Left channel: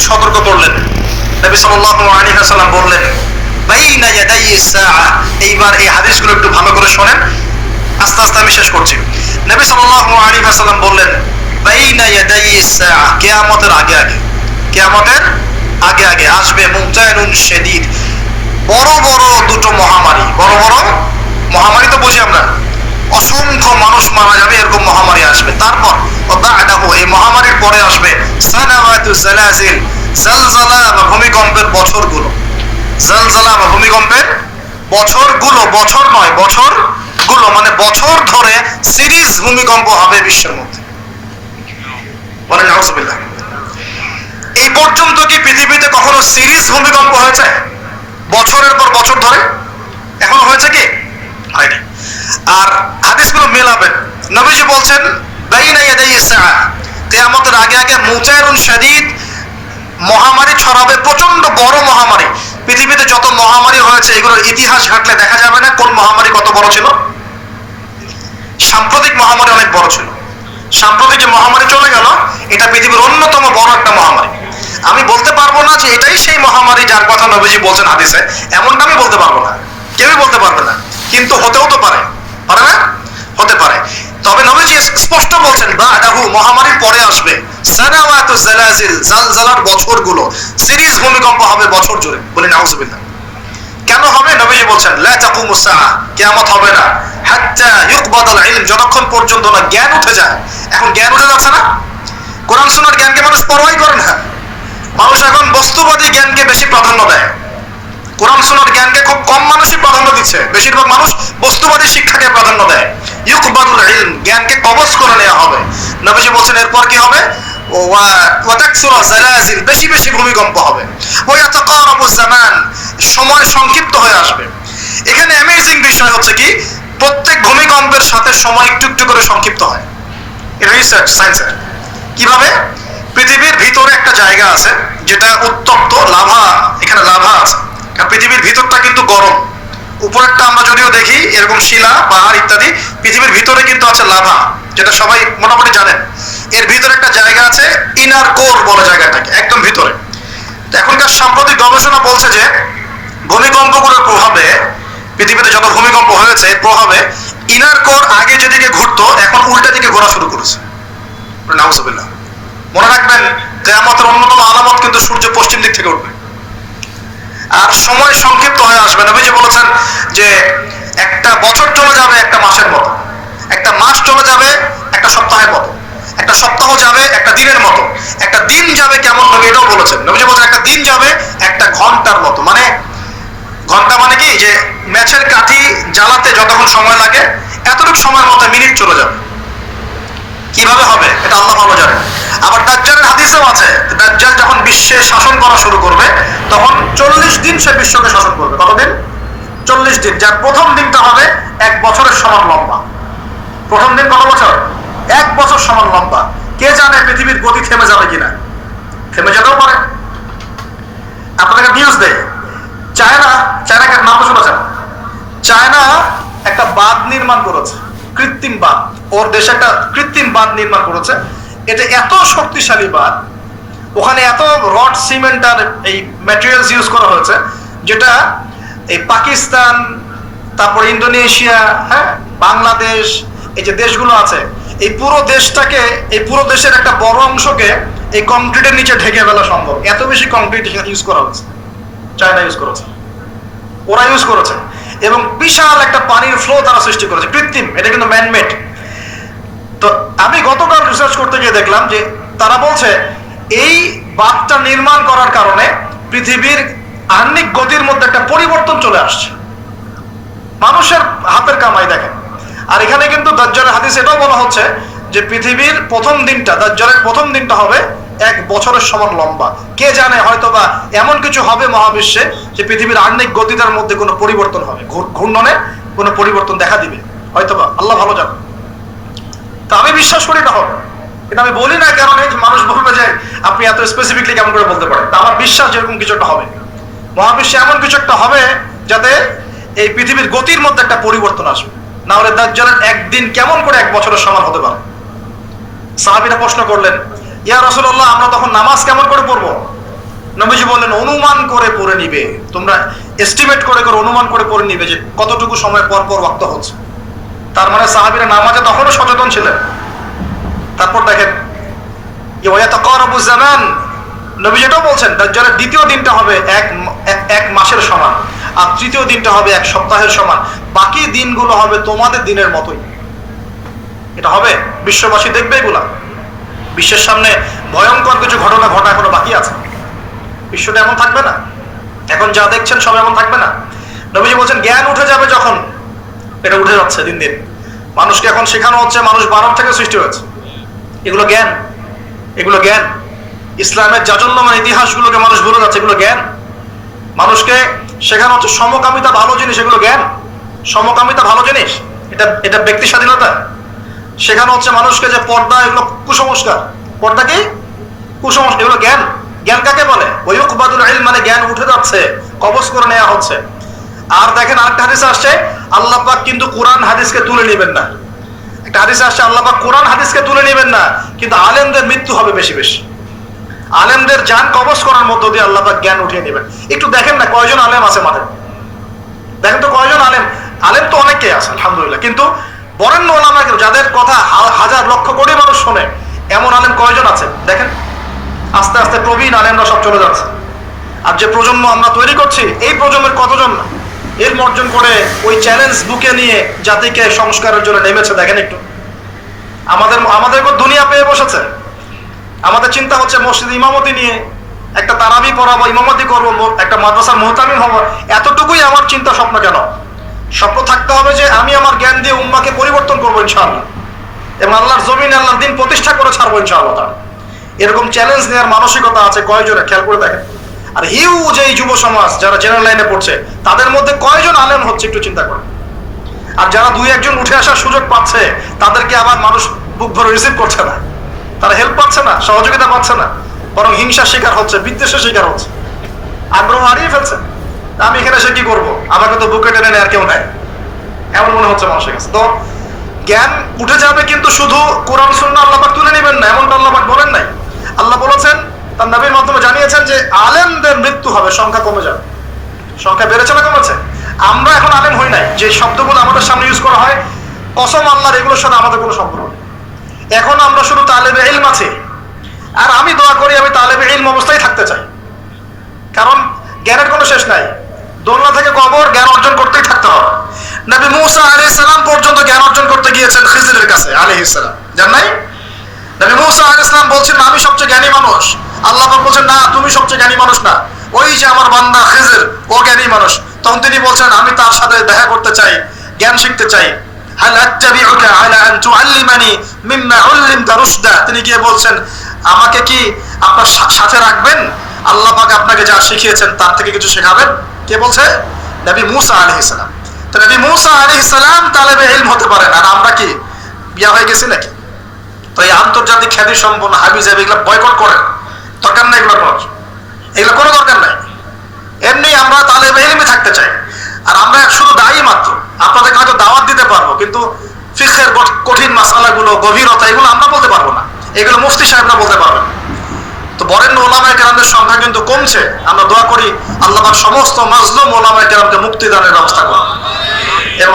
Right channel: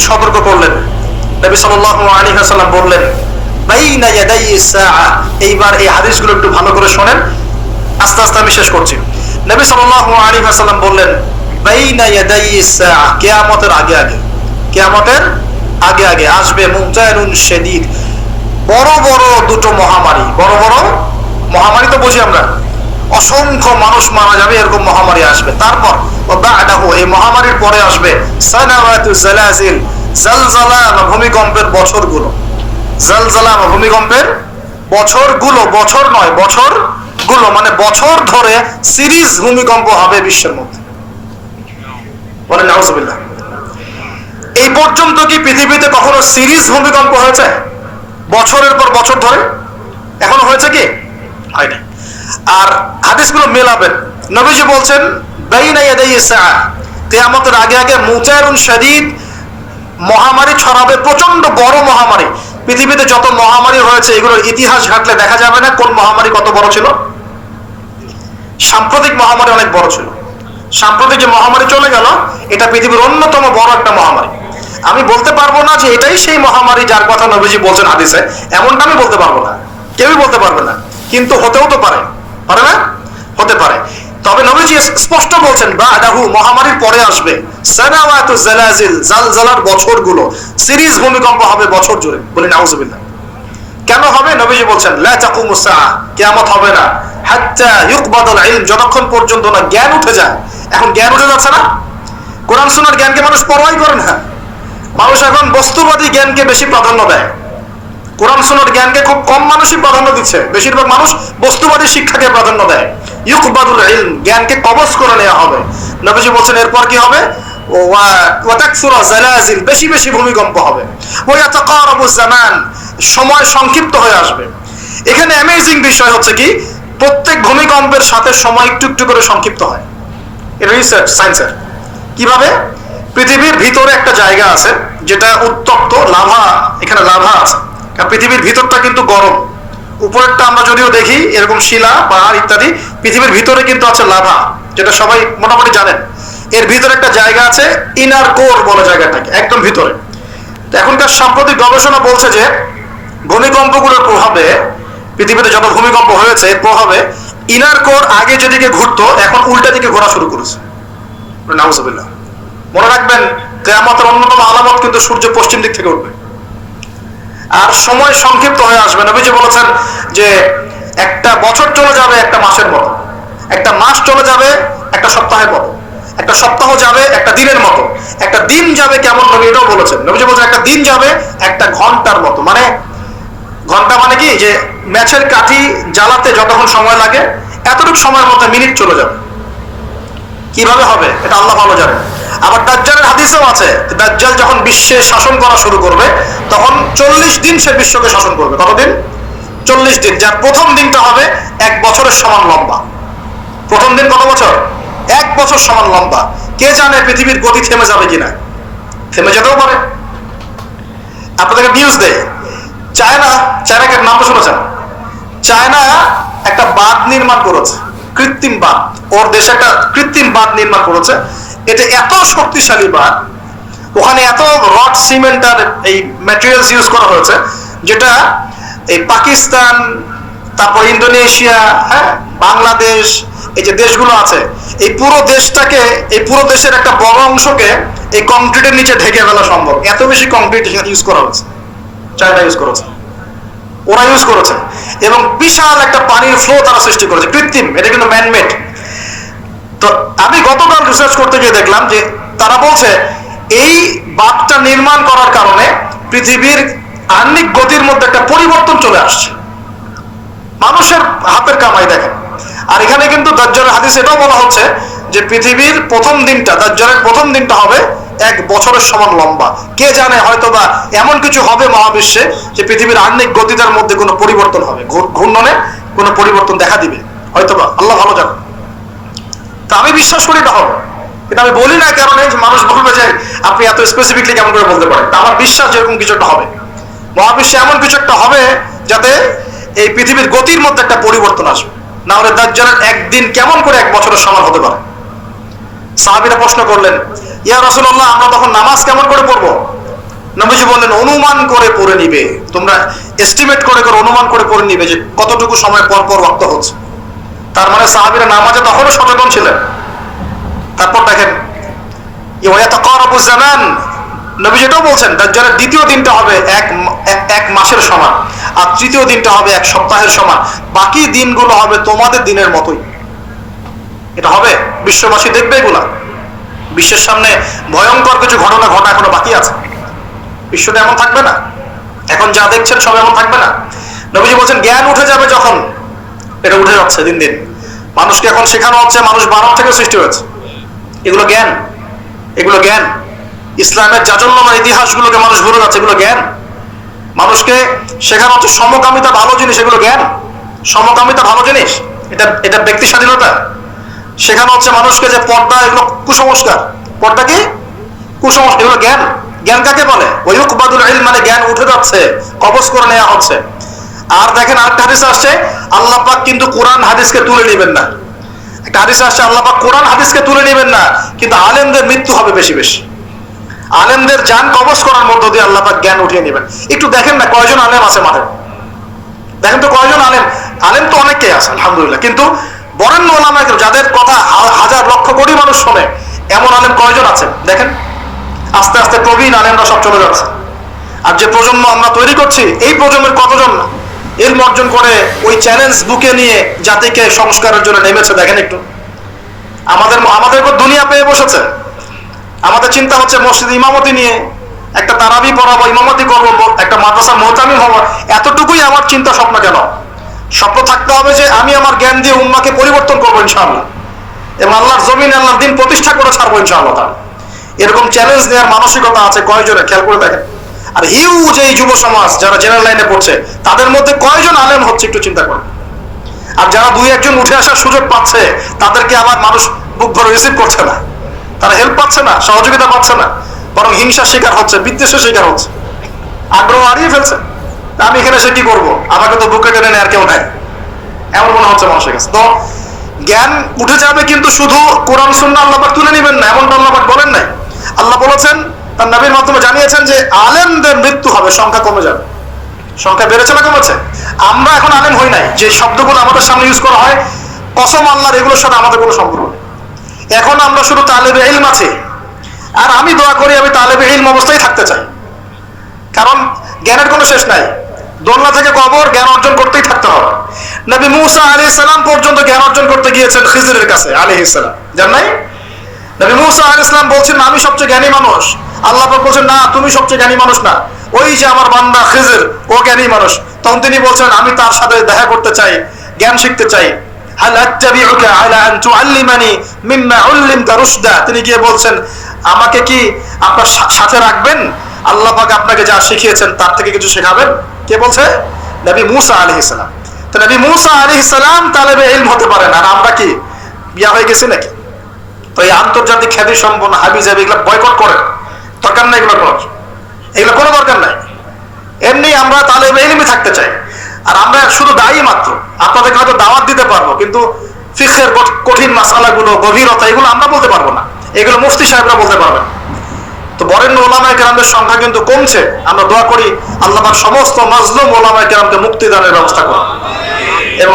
তিনি সতর্ক করলেন। বললেন এইবার এই হাদিসগুলো একটু ভালো করে শোনেন। আস্তে আস্তে আমি শেষ করছি। নবী সাল্লাল্লাহু বললেন, বাইনা আগে আগে, কিয়ামতের আগে আগে আসবে মুজাইনুন শাদীদ। বড় বড় দুটো মহামারী, বড় বড় মহামারী তো বুঝি আমরা। অসংখ্য মানুষ মারা যাবে, এরকম মহামারী আসবে। তারপর এই মহামারীর পরে আসবে জালাজিল বা ভূমিকম্পের বছরগুলো। জালজালা বা ভূমিকম্পের বছরগুলো, বছর নয় বছরগুলো মানে বছর ধরে সিরিজ ভূমিকম্প হবে বিশ্বের মধ্যে। বলেন এই পর্যন্ত কি পৃথিবীতে কখনো সিরিজ ভূমিকম্প হয়েছে? বছরের পর বছর ধরে এখনও হয়েছে কি হয়নি আর হাদিসগুলো মেলাবেন। নবীজি বলছেন কিয়ামতের আগে আগে মুজাইরুন শাদীদ মহামারী ছড়াবে প্রচণ্ড বড় মহামারী। পৃথিবীতে যত মহামারী হয়েছে, এগুলোর ইতিহাস ঘাটলে দেখা যাবে না কোন মহামারী কত বড় ছিল। সাম্প্রতিক মহামারী অনেক বড় ছিল। সাম্প্রতিক যে মহামারী চলে গেল, এটা পৃথিবীর অন্যতম বড় একটা মহামারী। আমি বলতে পারব না যে এটাই সেই মহামারী যার কথা নবীজি বলছেন হাদিসে, এমনটা আমি বলতে পারব না। কেউই বলতে পারবে না। কিন্তু হতেও তো পারে পারে না হতে পারে তবে নবীজি স্পষ্ট বলছেন বা আদাহু মহামারীর পরে আসবে। সানাওয়াতু বছরগুলো, সিরিজ ভূমিকম্প হবে বছর জুড়ে। বলে নাউজুবিল্লাহ কেন হবে? নবীজি বলছেন, লা তাকুমু সাআ কিয়ামত হবে না। হাত্তা ইলম, যতক্ষণ পর্যন্ত না জ্ঞান উঠে যায়। এখন জ্ঞান উঠে যাচ্ছে না? কোরআন শোনার জ্ঞানকে মানুষ পরোয়াই করে না। মানুষ এখন বস্তুবাদী জ্ঞানকে বেশি প্রাধান্য দেয়। কোরআন সোনার জ্ঞানকে খুব কম মানুষই প্রাধান্য দিচ্ছে। বেশিরভাগ মানুষ বস্তুবাদী শিক্ষাকে প্রাধান্য দেয়। ইউকবাদুল ইলম, জ্ঞানকে কবজ করে নেওয়া হবে। নবীজি বলছেন, এরপর কি হবে? বেশি বেশি ভূমিকম্প হবে। জামান, সময় সংক্ষিপ্ত হয়ে আসবে। এখানে অ্যামেজিং বিষয় হচ্ছে কি, প্রত্যেক ভূমিকম্পের সাথে সময় একটু একটু করে সংক্ষিপ্ত হয়। রিসার্চ সায়েন্সের কীভাবে? পৃথিবীর ভিতরে একটা জায়গা আছে, যেটা উত্তপ্ত, লাভা, এখানে লাভা আছে। পৃথিবীর ভিতরটা কিন্তু গরম। উপরেরটা আমরা যদিও দেখি, এরকম শিলা, পাহাড় ইত্যাদি, পৃথিবীর ভিতরে কিন্তু আছে লাভা, যেটা সবাই মোটামুটি জানেন। এর ভিতরে একটা জায়গা আছে ইনার কোর বলে জায়গাটাকে, একদম ভিতরে। এখনকার সাম্প্রতিক গবেষণা বলছে যে, ভূমিকম্পগুলোর প্রভাবে, পৃথিবীতে যত ভূমিকম্প হয়েছে, এর প্রভাবে ইনার কোর আগে যেদিকে ঘুরতো, এখন উল্টা দিকে ঘোরা শুরু করেছে। মনে রাখবেন, কেয়ামতের অন্যতম আলামত কিন্তু সূর্য পশ্চিম দিক থেকে উঠবে। আর সময় সংক্ষিপ্ত হয়ে আসবে নবীজি বলেছেন যে একটা বছর চলে যাবে একটা মাসের মতো। একটা মাস চলে যাবে একটা সপ্তাহের মতো। একটা সপ্তাহ যাবে একটা দিনের মতো। একটা দিন যাবে কেমন নবী এটাও বলেছেন। নবীজি বলছেন, একটা দিন যাবে একটা ঘণ্টার মতো। মানে ঘণ্টা মানে কি? যে ম্যাচের কাঠি জ্বালাতে যতক্ষণ সময় লাগে, এতটুকু সময়ের মতো মিনিট চলে যাবে। কীভাবে হবে? এটা আল্লাহ ভালো জানে আবার দাজ্জালের হাদিসেও আছে, দাজ্জাল যখন বিশ্বে শাসন করা শুরু করবে, তখন চল্লিশ দিন সে বিশ্বকে শাসন করবে। কতদিন? চল্লিশ দিন। যার প্রথম দিনটা হবে এক বছরের সমান লম্বা। প্রথম দিন কত বছর? এক বছর সমান লম্বা। কে জানে পৃথিবীর গতি থেমে যাবে কিনা? থেমে যেতেও পারে। আপনাদেরকে নিউজ দেয় চায়না, চায়নাকে নাম শুনেছেন? চায়না একটা বাঁধ নির্মাণ করেছে। কৃত্রিম বাঁধ। ওর দেশে একটা কৃত্রিম বাঁধ নির্মাণ করেছে। এটা এত শক্তিশালী বাঁধ, ওখানে এত রড, সিমেন্ট আর এই ম্যাটেরিয়ালস ইউজ করা হয়েছে, যেটা এই পাকিস্তান, তারপর ইন্দোনেশিয়া হ্যাঁ বাংলাদেশ, এই যে দেশগুলো আছে, এই পুরো দেশটাকে, এই পুরো দেশের একটা বড় অংশকে এই কংক্রিটের নিচে ঢেকে ফেলা সম্ভব। এত বেশি কংক্রিট ইউজ করা হয়েছে, চায়না ইউজ করেছে, ওরা ইউজ করেছে। এবং বিশাল একটা পানির ফ্লো তারা সৃষ্টি করেছে, কৃত্রিম, এটা কিন্তু ম্যানমেড তো আমি গতকাল রিসার্চ করতে গিয়ে দেখলাম যে তারা বলছে, এই বাঁধটা নির্মাণ করার কারণে পৃথিবীর আহ্নিক গতির মধ্যে একটা পরিবর্তন চলে আসছে। মানুষের হাতের কামাই দেখেন। আর এখানে কিন্তু দাজ্জালের হাদিস এটাও বলা হচ্ছে যে পৃথিবীর প্রথম দিনটা, দাজ্জালের প্রথম দিনটা হবে এক বছরের সমান লম্বা। কে জানে হয়তো বা এমন কিছু হবে মহাবিশ্বে যে পৃথিবীর আহ্নিক গতিটার মধ্যে কোনো পরিবর্তন হবে। ঘূর্ণনে কোনো পরিবর্তন দেখা দিবে। হয়তো বা আল্লাহ ভালো জানে তা আমি বিশ্বাস করি এটা হবে কিন্তু আমি বলি না কারণ এই মানুষ বলবে যে আপনি এত স্পেসিফিকলি কেমন করে বলতে পারেন। আমার বিশ্বাস যেরকম কিছু একটা হবে। মহাবিশ্বে এমন কিছু একটা হবে যাতে এই পৃথিবীর গতির মধ্যে একটা পরিবর্তন আসবে। না হলে দাজ্জালের একদিন কেমন করে এক বছরের সমান হতে পারে? সাহাবীরা প্রশ্ন করলেন, ইয়া রাসূলুল্লাহ, আমরা তখন নামাজ কেমন করে পড়ব? বললেন, অনুমান করে পড়ে নিবে। তোমরা এস্টিমেট করে করে অনুমান করে পড়ে নিবে যে কতটুকু সময় পর পর রক্ত হচ্ছে। তার মানে সাহাবিরা নামাজে তখনও সচেতন ছিলেন। তারপর দেখেন জামান, নবী যেটাও বলছেন, দাজ্জালের দ্বিতীয় দিনটা হবে এক- এক মাসের সমান, আর তৃতীয় দিনটা হবে এক সপ্তাহের সমান। বাকি দিনগুলো হবে তোমাদের দিনের মতোই। এটা হবে, বিশ্ববাসী দেখবে এগুলা। বিশ্বের সামনে ভয়ঙ্কর কিছু ঘটনা ঘটা এখনও বাকি আছে। বিশ্বটা এমন থাকবে না। এখন যা দেখছেন সব এমন থাকবে না। নবীজি বলছেন, জ্ঞান উঠে যাবে যখন এটা উঠে যাচ্ছে দিন দিন। মানুষকে এখন শেখানো হচ্ছে, মানুষ বানর থেকে সৃষ্টি হয়েছে। এগুলো জ্ঞান। এগুলো জ্ঞান। ইসলামের জাজল্যমান ইতিহাসগুলোকে মানুষ ভুলে যাচ্ছে, এগুলো জ্ঞান। মানুষকে শেখানো হচ্ছে, সমকামিতা ভালো জিনিস, এগুলো জ্ঞান। সমকামিতা ভালো জিনিস, এটা এটা ব্যক্তি স্বাধীনতা। শেখানো হচ্ছে মানুষকে যে পর্দা, এগুলো কুসংস্কার। পর্দা কি? কুসংস্কার, এগুলো জ্ঞান। জ্ঞান কাকে বলে? ওয়ুকবাদুল ইলম মানে জ্ঞান উঠে যাচ্ছে, কবজ করে নেওয়া হচ্ছে। আর দেখেন আরেকটা হাদিস আসছে, আল্লাহ পাক কিন্তু কোরআন হাদিসকে তুলে নেবেন না। একটা হাদিস আসছে, আল্লাহ পাক কোরআন হাদিসকে তুলে নেবেন না, কিন্তু আলেমদের মৃত্যু হবে বেশি বেশি। আলেমদের যান কবজ করার মধ্য দিয়ে আল্লাহ পাক জ্ঞান উঠিয়ে নেবেন। একটু দেখেন না কয়জন আলেম আছে মাঠে? দেখেন তো কয়জন আলেম? আলেম তো অনেকেই আছে, আলহামদুলিল্লাহ। কিন্তু বরেণ্য ওলামা যাদের কথা হাজার লক্ষ কোটি মানুষ শোনে, এমন আলেম কয়জন আছে? দেখেন। আস্তে আস্তে প্রবীণ আলেমরা সব চলে যাচ্ছে। আর যে প্রজন্ম আমরা তৈরি করছি, এই প্রজন্মের কতজন এর অর্জন করে ওই চ্যালেঞ্জ বুকে নিয়ে জাতিকে সংস্কারের জন্য নেমেছে, দেখেন একটু। আমাদের আমাদের উপর দুনিয়া পেয়ে বসেছে। আমাদের চিন্তা হচ্ছে মসজিদ ইমামতি নিয়ে একটা তারাবি পড়াবো, ইমামতি করব একটা মাদ্রাসার মোহতামি হব। এতটুকুই আমার চিন্তা স্বপ্ন কেন? স্বপ্ন থাকতে হবে যে আমি আমার জ্ঞান দিয়ে উম্মাকে পরিবর্তন করব ইনশাআল্লাহ। এবং আল্লাহর জমিন আল্লাহর দিন প্রতিষ্ঠা করে ছাড়বো ইনশাআল্লাহ তাআলা। এরকম চ্যালেঞ্জ নেওয়ার মানসিকতা আছে কয়জনের? খেয়াল করে দেখেন। আর হিউজ এই যুব সমাজ, যারা জেনারেল লাইনে পড়ছে, তাদের মধ্যে কয়জন আলেম হচ্ছে একটু চিন্তা করেন আর যারা দুই একজন উঠে আসার সুযোগ পাচ্ছে, তাদেরকে আবার মানুষ বুক ভরে রিসিভ করছে না। তারা হেল্প পাচ্ছে না, সহযোগিতা পাচ্ছে না, বরং হিংসার শিকার হচ্ছে, বিদ্বেষের শিকার হচ্ছে। আগ্রহ হারিয়ে ফেলছে। আমি এখানে সে কি করব? আমাকে তো বুকে টেনে নেয় আর কেউ নাই এমন মনে হচ্ছে মানুষের কাছে। তো জ্ঞান উঠে যাবে কিন্তু শুধু কোরআন শূন্য আল্লাপাক তুলে নেবেন না, এমনটা আল্লাপাক বলেন নাই। আল্লাহ বলেছেন তার নবীর মাধ্যমে জানিয়েছেন যে আলেমদের মৃত্যু হবে, সংখ্যা কমে যাবে। সংখ্যা বেড়েছে না কমেছে? আমরা এখন আলেম হই নাই। যে শব্দগুলো আমাদের সামনে ইউজ করা হয়, কসম আল্লাহর এগুলোর সাথে আমাদের কোনো সম্পর্ক নেই। এখন আমরা শুধু তালেবে ইলম আছে। আর আমি দোয়া করি, আমি তালেবে ইলম অবস্থায় থাকতে চাই। কারণ জ্ঞানের কোনো শেষ নাই। দোলনা থেকে কবর, জ্ঞান অর্জন করতেই থাকতে হবে। নবী মুসা আলী সালাম পর্যন্ত জ্ঞান অর্জন করতে গিয়েছেন খিজিরের কাছে আলী ইসলাম জান নাই? নবী মুসা আলী ইসলাম বলছেন, আমি সবচেয়ে জ্ঞানী মানুষ। আল্লাহ বলছেন, না, তুমি সবচেয়ে জ্ঞানী মানুষ না। ওই যে আমার বান্দা খিজির, ও জ্ঞানী মানুষ। তখন তিনি বলছেন, আমি তার সাথে দেখা করতে চাই, জ্ঞান শিখতে চাই। আলা তিনি গিয়ে বলছেন, আমাকে কি আপনার সাথে রাখবেন? আল্লাহ পাক আপনাকে যা শিখিয়েছেন, তার থেকে কিছু শেখাবেন? কে বলছে? নবী মুসা আলাইহিস সালাম। তো নবী মুসা আলাইহিস সালাম তালেবে ইলম হতে পারেন। আর আমরা কি, বিয়া হয়ে গেছি নাকি? তো এই আন্তর্জাতিক খ্যাতি সম্পন্ন হাবি এগুলো বয়কট করে দরকার নাই এগুলো করার এগুলো কোনো দরকার নাই। এমনি আমরা তাহলে এলিমি থাকতে চাই। আর আমরা শুধু দায়ী মাত্র। আপনাদেরকে হয়তো দাওয়াত দিতে পারব, কিন্তু কঠ- কঠিন মাসালাগুলো, গভীরতা, এগুলো আমরা বলতে পারব না। এগুলো মুফতি সাহেবরা বলতে পারবেন। তো বরেণ্য ওলামায় কেরামদের সংখ্যা কিন্তু কমছে। আমরা দোয়া করি আল্লাহ সমস্ত মাজলুম ওলামায় কেরামকে মুক্তি দানের ব্যবস্থা করা এবং